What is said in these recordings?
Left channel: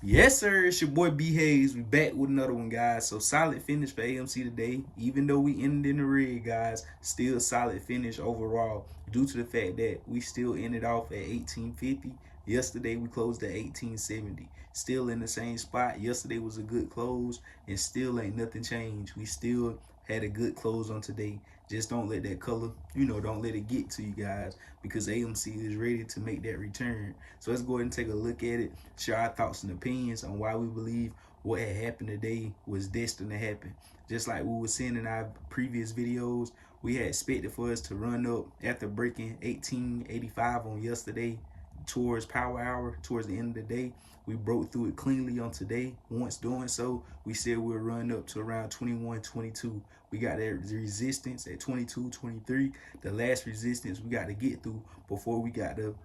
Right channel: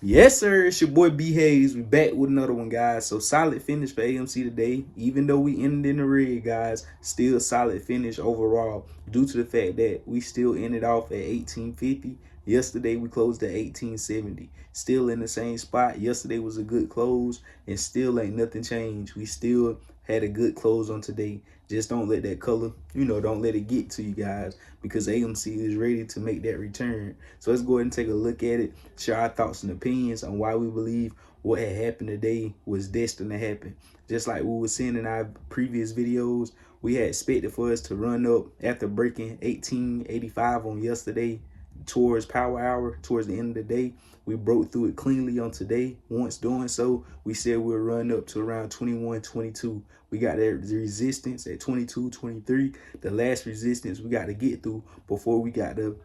Yes, sir. It's your boy B Hayes. We back with another one, guys. So solid finish for AMC today. Even though we ended in the red, guys, still solid finish overall. Due to the fact that we still ended off at 1850. Yesterday we closed at 1870. Still in the same spot. Yesterday was a good close, and still ain't nothing changed. We still had a good close on today. Just don't let that color, don't let it get to you guys, because AMC is ready to make that return. So let's go ahead and take a look at it, share our thoughts and opinions on why we believe what had happened today was destined to happen. Just like we were seeing in our previous videos, we had expected for us to run up after breaking 1885 on yesterday towards power hour, towards the end of the day. We broke through it cleanly on today. Once doing so, we said we'll run up to around 21.22. We got that resistance at 22.23. The last resistance we got to get through before we got to,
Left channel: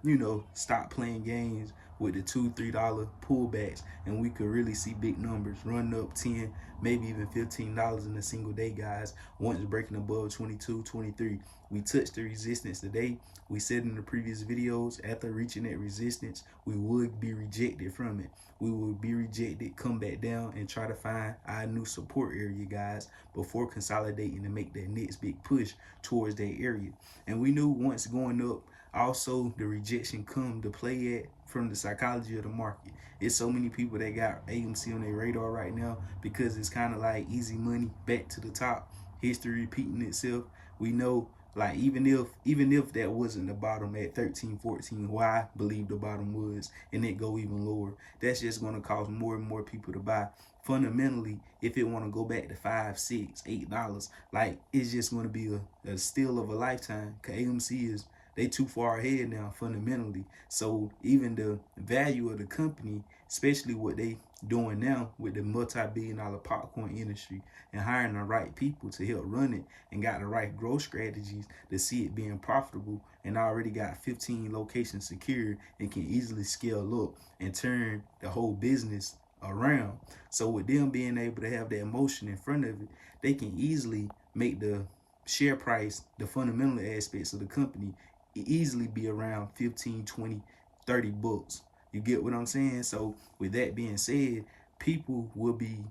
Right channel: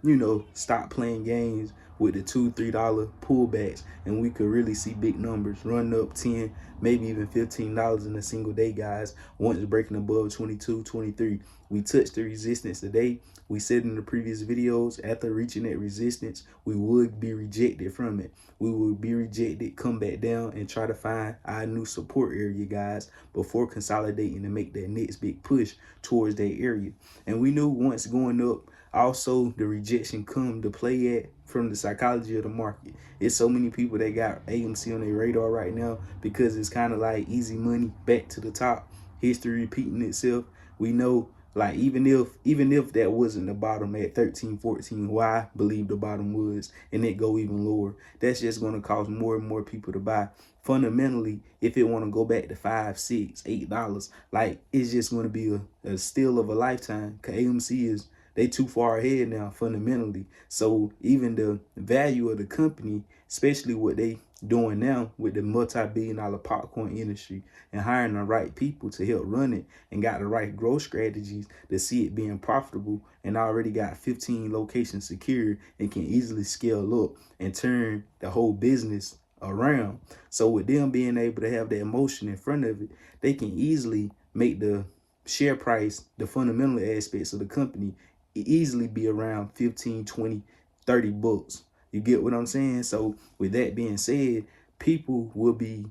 stop playing games with the $2-3 pullbacks, and we could really see big numbers run up 10, maybe even $15 in a single day, guys. Once breaking above 22.23, we touched the resistance today. We said in the previous videos, after reaching that resistance, we would be rejected from it. We would be rejected, come back down, and try to find our new support area, guys, before consolidating and make that next big push towards that area. And we knew once going up, also the rejection come to play at from the psychology of the market. It's so many people that got AMC on their radar right now because it's kind of like easy money back to the top, history repeating itself. We know, like, even if that wasn't the bottom at 13-14, why I believe the bottom was, and it go even lower, that's just going to cause more and more people to buy. Fundamentally, if it want to go back to $5, $6, $8, like, it's just going to be a steal of a lifetime. AMC is, they too far ahead now fundamentally. So even the value of the company, especially what they doing now with the multi-billion-dollar popcorn industry and hiring the right people to help run it and got the right growth strategies to see it being profitable, and already got 15 locations secured and can easily scale up and turn the whole business around. So with them being able to have the emotion in front of it, they can easily make the share price, the fundamental aspects of the company, easily be around 15, 20, 30 bucks. You get what I'm saying? So with that being said, people will be,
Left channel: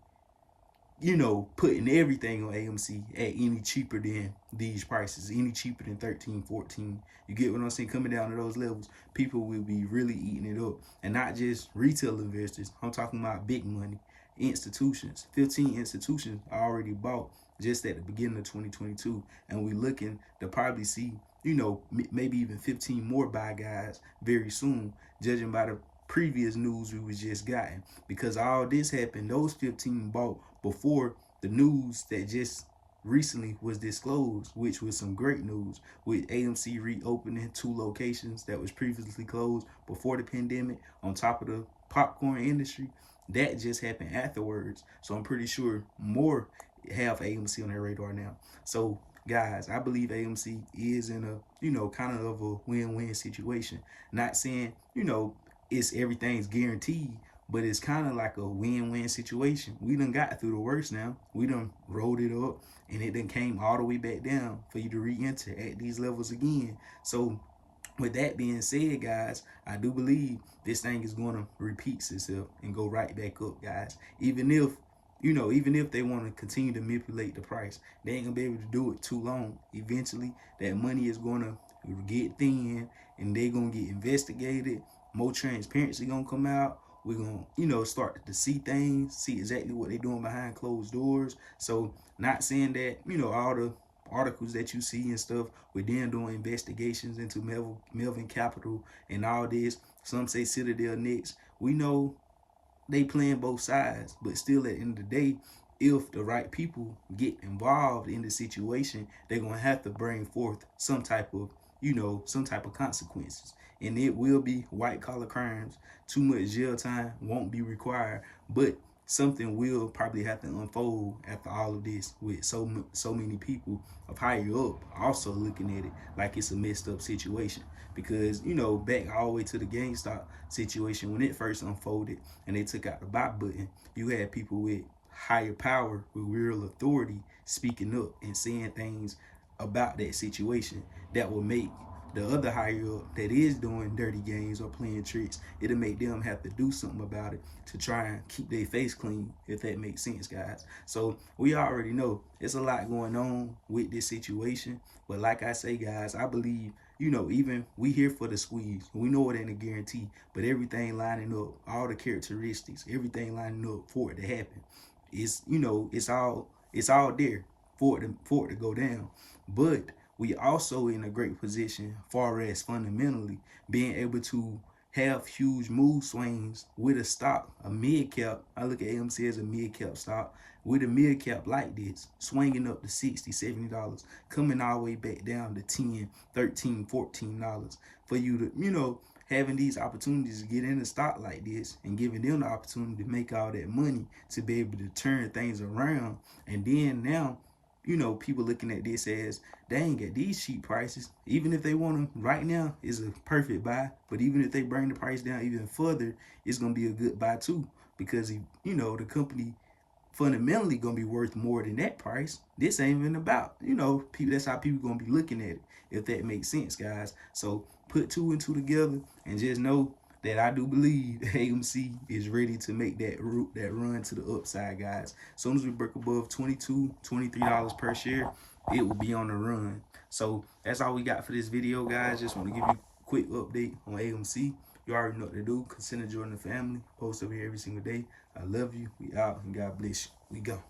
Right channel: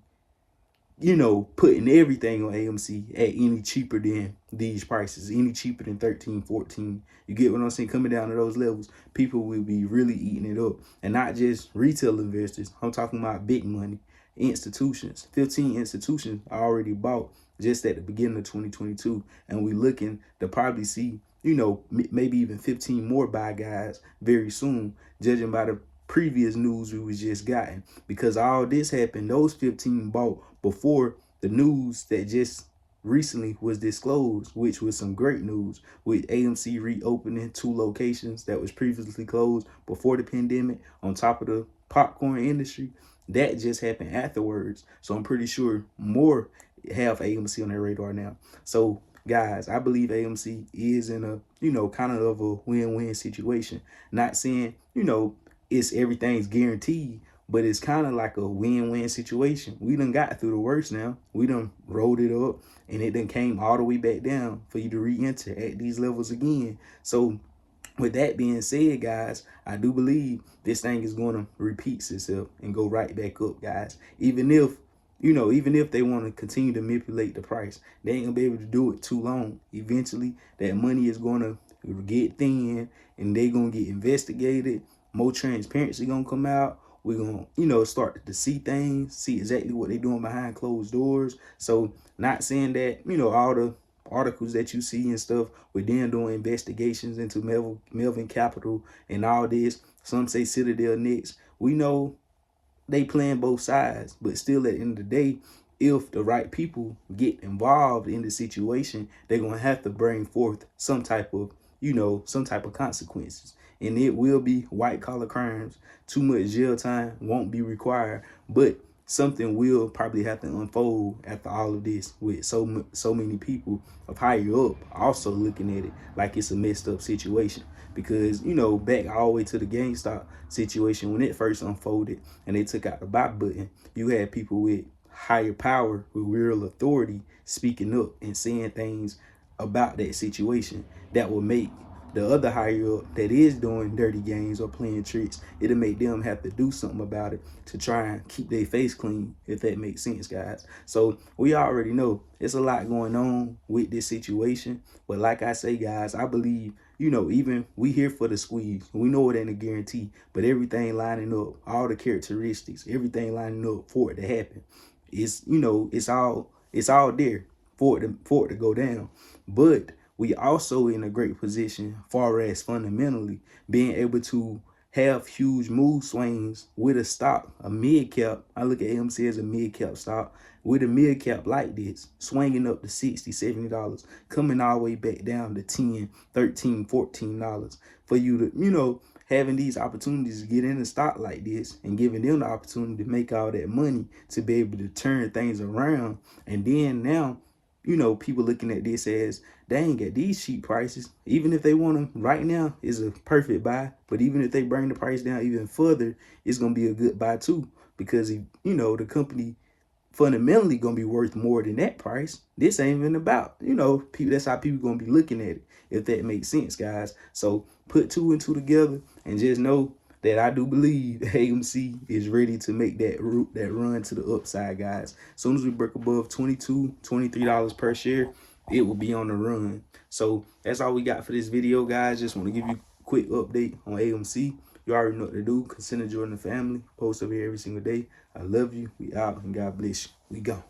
putting everything on AMC at any cheaper than these prices, any cheaper than 13, 14. You get what I'm saying? Coming down to those levels, people will be really eating it up. And not just retail investors. I'm talking about big money, institutions. 15 institutions I already bought just at the beginning of 2022. And we looking to probably see, maybe even 15 more buy guys very soon, judging by the previous news we was just gotten. Because all this happened, those 15 bought before the news that just recently was disclosed, which was some great news, with AMC reopening 2 locations that was previously closed before the pandemic, on top of the popcorn industry. That just happened afterwards. So I'm pretty sure more have AMC on their radar now. So guys, I believe AMC is in a, kind of a win-win situation. Not saying, it's everything's guaranteed, but it's kind of like a win-win situation. We done got through the worst now. We done rolled it up, and it done came all the way back down for you to re-enter at these levels again. So with that being said, guys, I do believe this thing is going to repeat itself and go right back up, guys. Even if they want to continue to manipulate the price, they ain't gonna be able to do it too long. Eventually, that money is gonna get thin, and they gonna get investigated. More transparency gonna come out. We're gonna, start to see things, see exactly what they're doing behind closed doors. So, not saying that, all the articles that you see and stuff with them doing investigations into Melvin Capital and all this. Some say Citadel next. We know they playing both sides, but still at the end of the day, if the right people get involved in the situation, they're gonna have to bring forth some type of, some type of consequences. And it will be white collar crimes. Too much jail time won't be required, but something will probably have to unfold after all of this, with so many people of higher up also looking at it like it's a messed up situation. Because, back all the way to the GameStop situation, when it first unfolded and they took out the buy button, you had people with higher power, with real authority, speaking up and saying things about that situation that would make the other higher up that is doing dirty games or playing tricks, it'll make them have to do something about it to try and keep their face clean, if that makes sense, guys. So we already know it's a lot going on with this situation. But like I say, guys, I believe, you know, even we here for the squeeze. We know it ain't a guarantee, but everything lining up, all the characteristics, everything lining up for it to happen. It's, you know, it's all there for it to go down. But we also in a great position far as fundamentally being able to have huge move swings with a stock, a mid cap. I look at AMC as a mid cap stock with a mid cap like this, swinging up to $60, $70, coming all the way back down to $10, $13, $14 for you to, you know, having these opportunities to get in a stock like this and giving them the opportunity to make all that money to be able to turn things around. And then now, you know, people looking at this as, dang, at these cheap prices, even if they want them right now, is a perfect buy. But even if they bring the price down even further, it's going to be a good buy too, because, you know, the company fundamentally going to be worth more than that price. This ain't even about, you know, people. That's how people going to be looking at it, if that makes sense, guys. So put two and two together and just know that I do believe AMC is ready to make that run to the upside, guys. As soon as we break above $22, $23 per share, it will be on the run. So that's all we got for this video, guys. Just want to give you a quick update on AMC. You already know what to do. Consider joining the family. Post over here every single day. I love you. We out, and God bless you. We go.